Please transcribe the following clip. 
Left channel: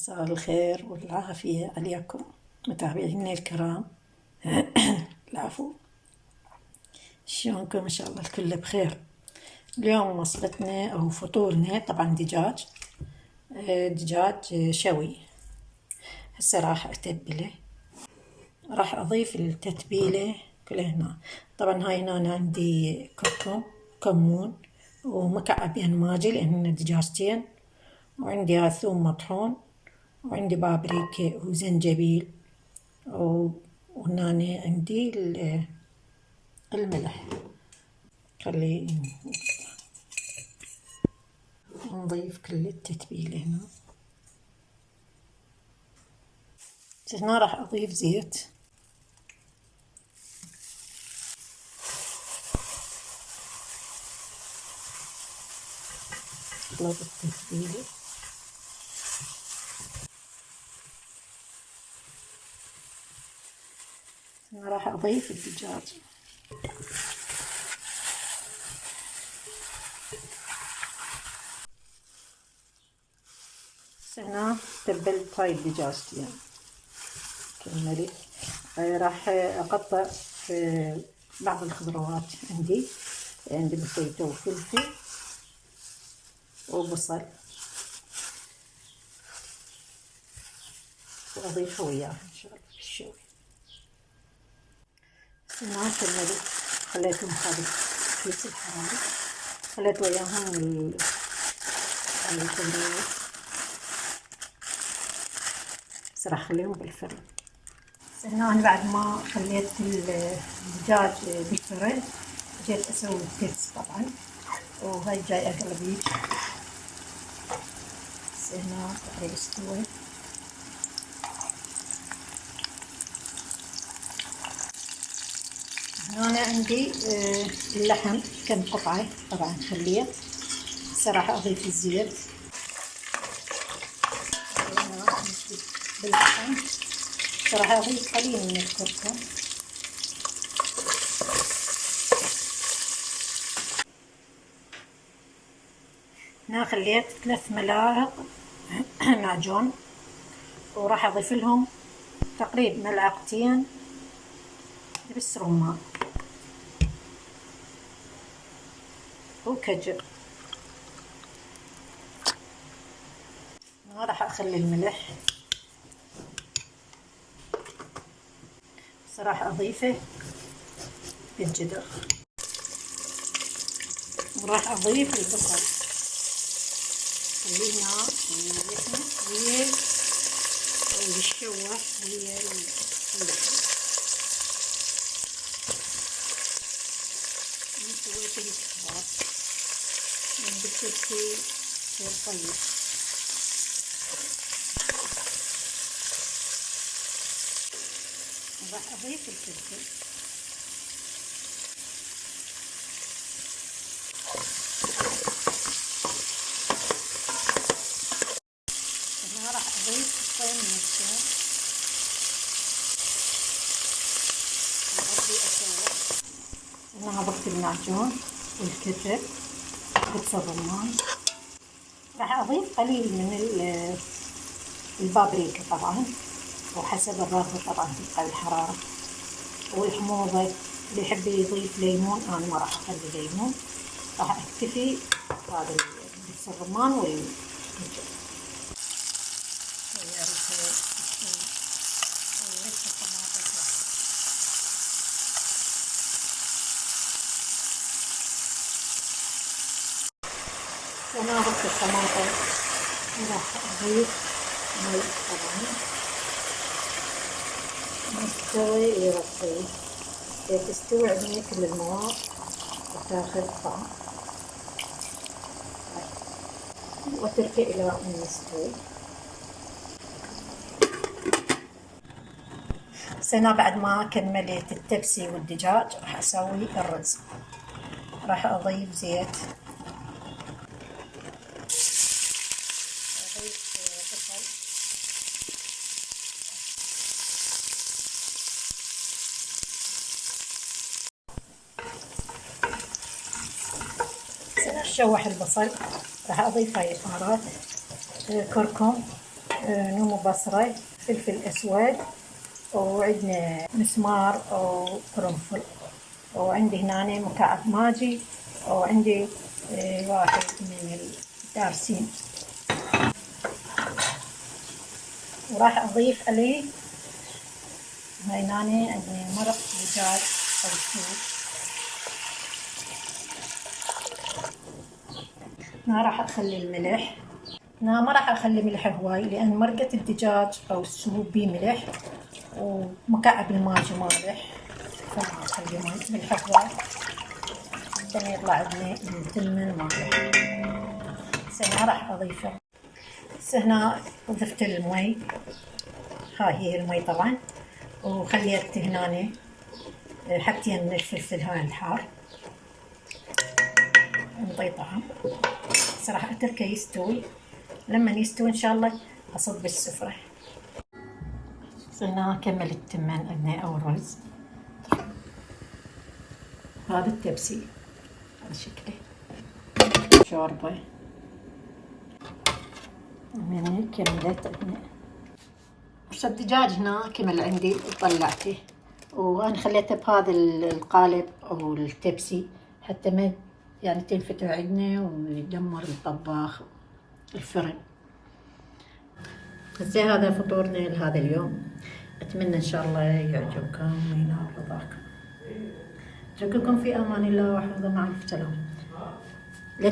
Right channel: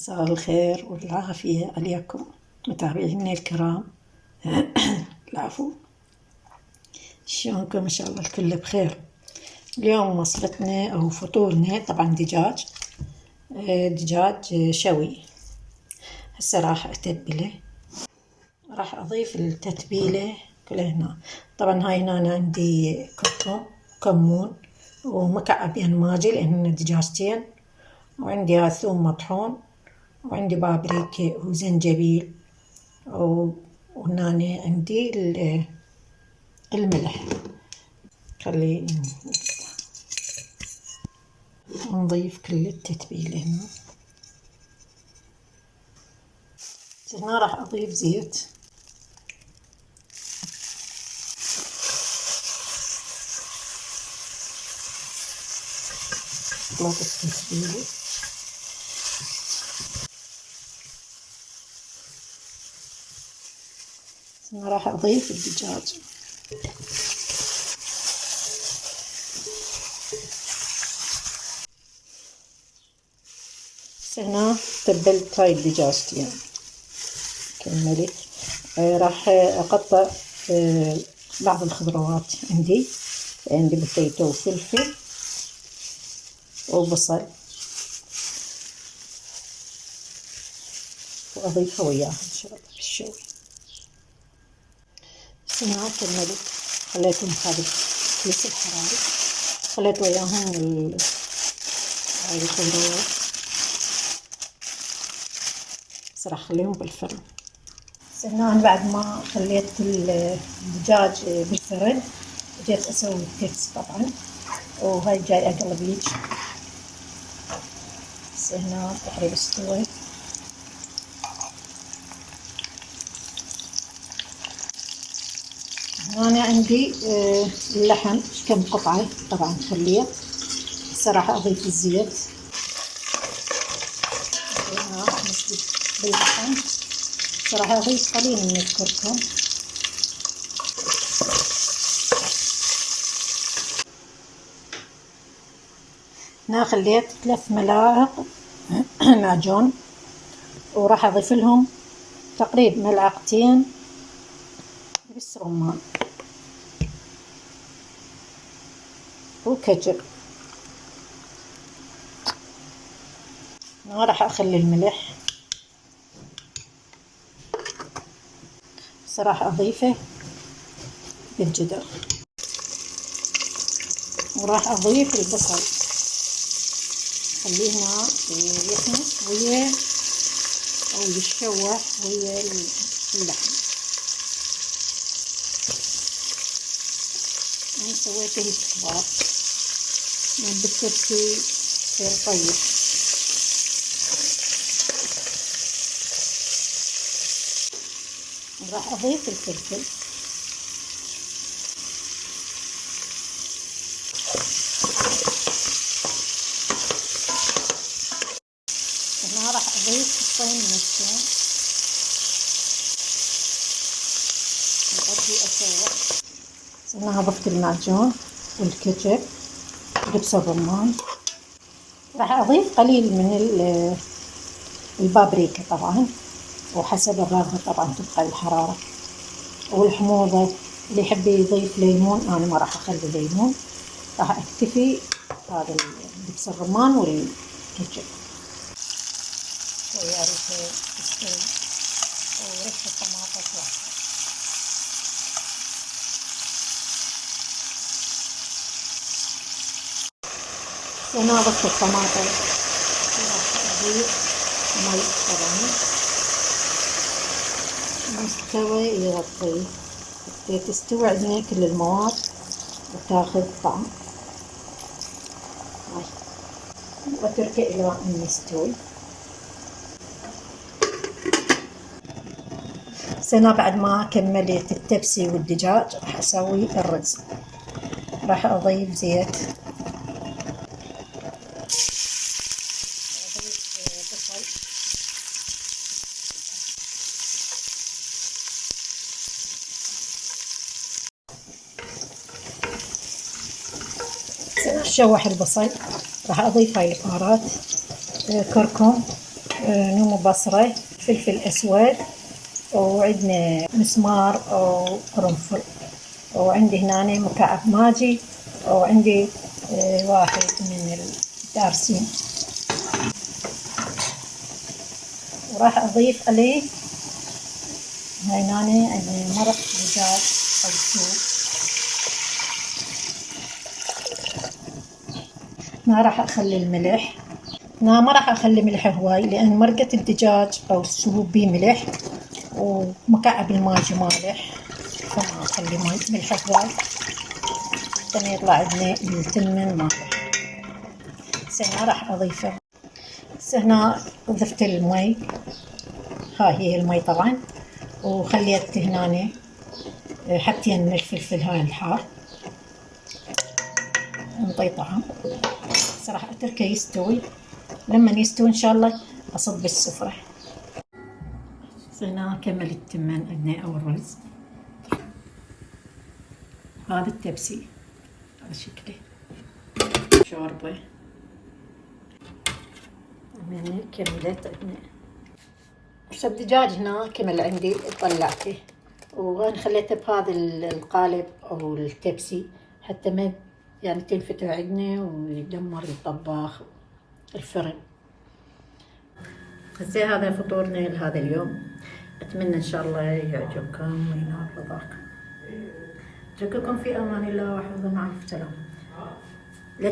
مساء الخير والعافية عليكم متابعيني الكرام. العفو، شلونكم؟ إن شاء الله الكل بخير. اليوم وصفتنا أو فطورنا طبعا دجاج شوي. هسه راح أتبله، راح أضيف التتبيلة كلها هنا. طبعا هاي هنا عندي كركم، كمون، ومكعب ماجي لأن دجاجتين، وعندي ثوم مطحون، وعندي بابريكا وزنجبيل، وهنا عندي الملح. خلي نضيف كل التتبيلة هنا. هنا راح أضيف زيت، أخلط التتبيلة. هنا راح أضيف الدجاج. هنا تبلت هاي الدجاجتين كملت. راح أقطع بعض الخضروات. عندي بوتيتو وفلفل وبصل، وأضيفها وياها إن شاء الله بالشوي. هنا كملت، خليتهم خارج كيس الحراري، خليت وياهم هاي الخضروات. بس راح أخليهم بالفرن. هنا أنا بعد ما خليت الدجاج بالفرن جيت أسوي الكبس طبعا، وهاي جاي أقلب هيج. هنا تقريبا استوى. هنا عندي اللحم كم قطعة طبعا خليه. هسه راح أضيف الزيت. هنا نشوي باللحم. راح أضيف قليل من الكركم. هنا خليت 3 ملاعق معجون، وراح أضيف لهم تقريبا 2 ملعقتين دبس رمان وكجر. هنا راح أخلي الملح، بس راح أضيفه بالجدر. وراح أضيف البصل، خليه هنا يحمص ويا أو يتشوح ويا اللحم. أنا سويته هيك كبار بالترتيب يصير طيب. راح أضيف الفلفل. هنا راح أضيف قطين من الثوم وأبدي أسوي. هنا ضفت المعجون والكاتشب ودبس الرمان. راح أضيف قليل من البابريكا طبعا، وحسب الرغبة طبعا تبقى الحرارة والحموضة. اللي يحب يضيف ليمون، أنا ما راح أخلي ليمون. راح أكتفي هذا دبس الرمان والكاتشب ويا ريحة الثوم وريحة الطماطم واحدة. هنا ضفت الطماطم، راح أضيف مي طبعا. مستوي يغطيه تستوي عندنا كل المواد وتاخذ طعم، واتركه الى ان يستوي. هنا بعد ما كملت التبسي والدجاج راح اسوي الرز. راح اضيف زيت، اضيف بصل، شوح البصل. راح اضيف هاي البهارات، كركم نوم بصرة، فلفل أسود، وعندنا مسمار وقرنفل، وعندي هنا مكعب ماجي، وعندي واحد من الدارسين. وراح أضيف عليه هنا عندي مرق دجاج أو سوب. ما راح أخلي الملح، ما راح أخلي ملح هواي، لأن مرقة الدجاج أو السوب بيه ملح، ومكعب الماجي مالح، فما أخلي ملح هواي حتى يطلع عندنا التمن مالح. هسه راح أضيفه. هسه هنا ضفت المي، هاي هي المي طبعا، وخليت هنا حبتين من الفلفل هاي الحار نطي طعم. هسه راح اتركه يستوي، لما يستوي ان شاء الله اصب بالسفرة. هنا اكمل التمن عندنا او الرز. هذا التبسي على شكله شوربة. هنا كملت عندنا. الدجاج هنا كمل عندي، طلعته وانا خليته بهذا القالب او التبسي حتى ما يعني تنفتح عندنا ويدمر الطباخ الفرن. هسه هذا فطورنا لهذا اليوم، اتمنى ان شاء الله يعجبكم وينال رضاكم. اترككم في امان الله وحفظه، مع السلامه.